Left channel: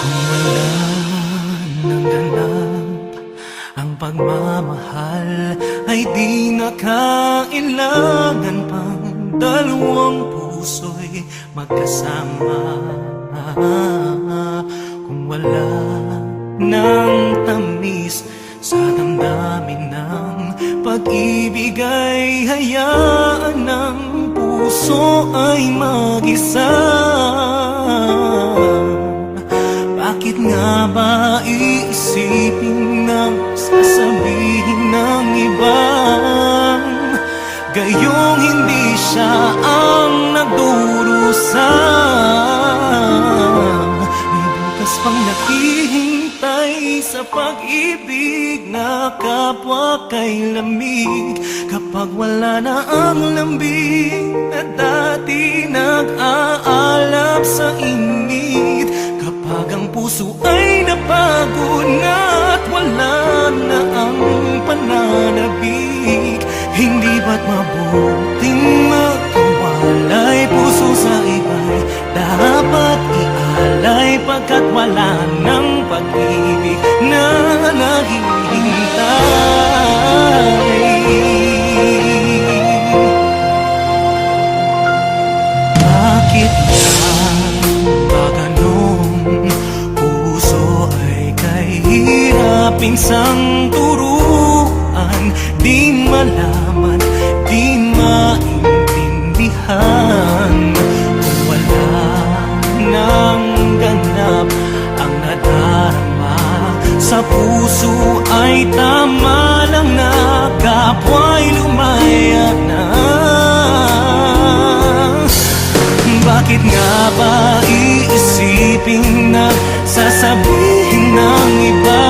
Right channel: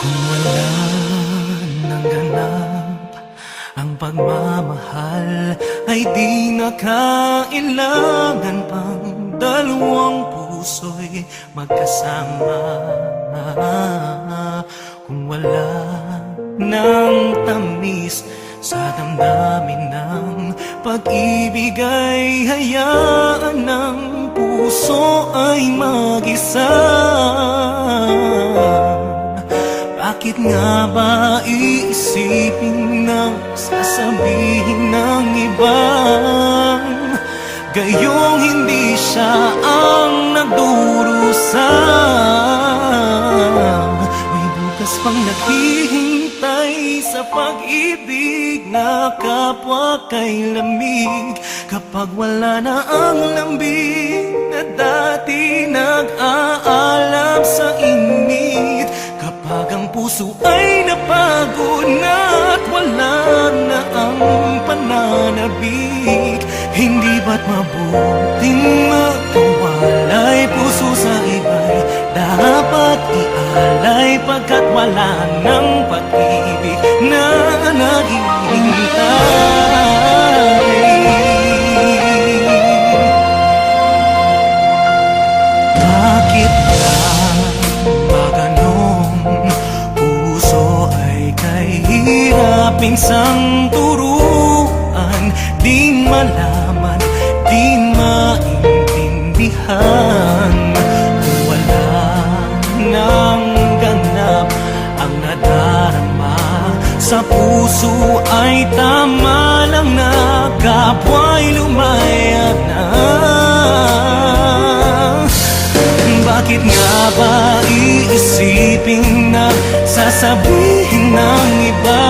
Kung wala nang ganap ang pagmamahal, ay di na kailangan pang dalawang puso'y magkasama. Kung wala nang tamis sa damdamin ng pag-ibig, ay hayaan ng puso ay mag-isa. Bakit nga ba iisipin ng sasabihin ng ibang gayong hindi siya ang nagdurusa? May bukas pang naghihintay sa pag-ibig na kapwa kay lamig. Kapag wala na ang lambing na dati nag-aalab sa init, kapag ang puso ay napagod na at wala na ang pananabik, hindi ba't mabuting magkawalay? Puso sa iba'y dapat ialay, pagkat wala ng pag-ibig na naghihintay. Bakit lang ba ganun? Puso ay kahirapin sang turuan, di malaman, di maintindihan. Kung wala nang ganap ang nadarama sa puso, ay tama lang na kapwa'y lumaya na. Bakit nga ba iisipin na sasabihin ng iba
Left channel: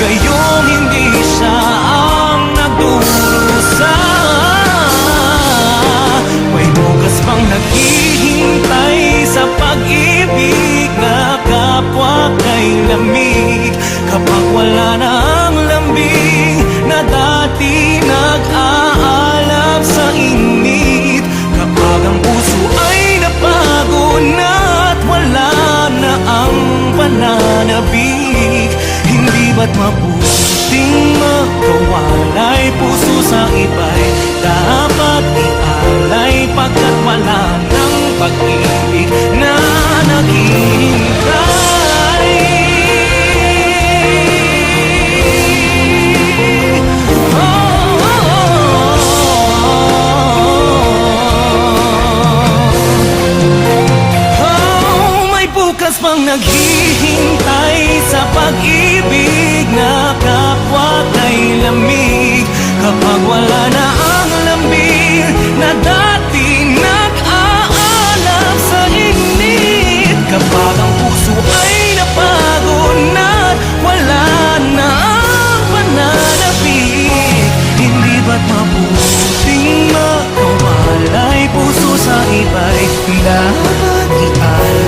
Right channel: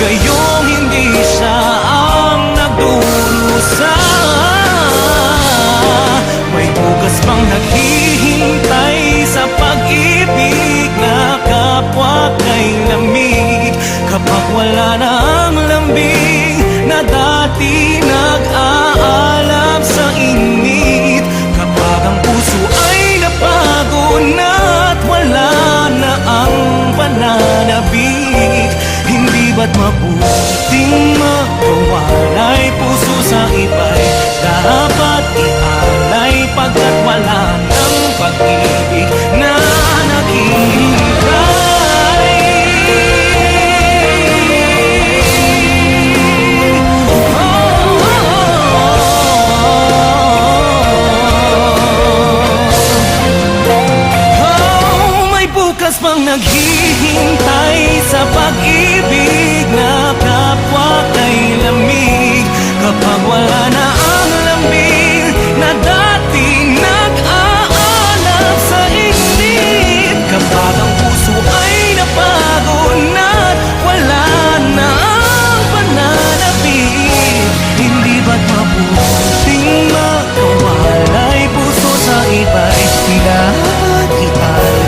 gayong hindi siya ang nagdurusa? May bukas pang naghihintay sa pag-ibig na kapwa kay lamig. Kapag wala na ang lambing na dati nag-aalab sa init, kapag ang puso ay napagod na at wala na ang pananabik, hindi ba't mabuting magkawalay? Puso sa iba'y dapat ialay, pagkat wala ng pag-ibig na naghihintay. Bukas pang naghihintay sa pag-ibig na kapwa kay lamig. Kapag wala na ang lambing na dati nag-aalab sa init, kapag ang puso ay napagod na at wala na ang pananabik, hindi ba't mabuting magkawalay? Puso sa iba'y dapat ialay,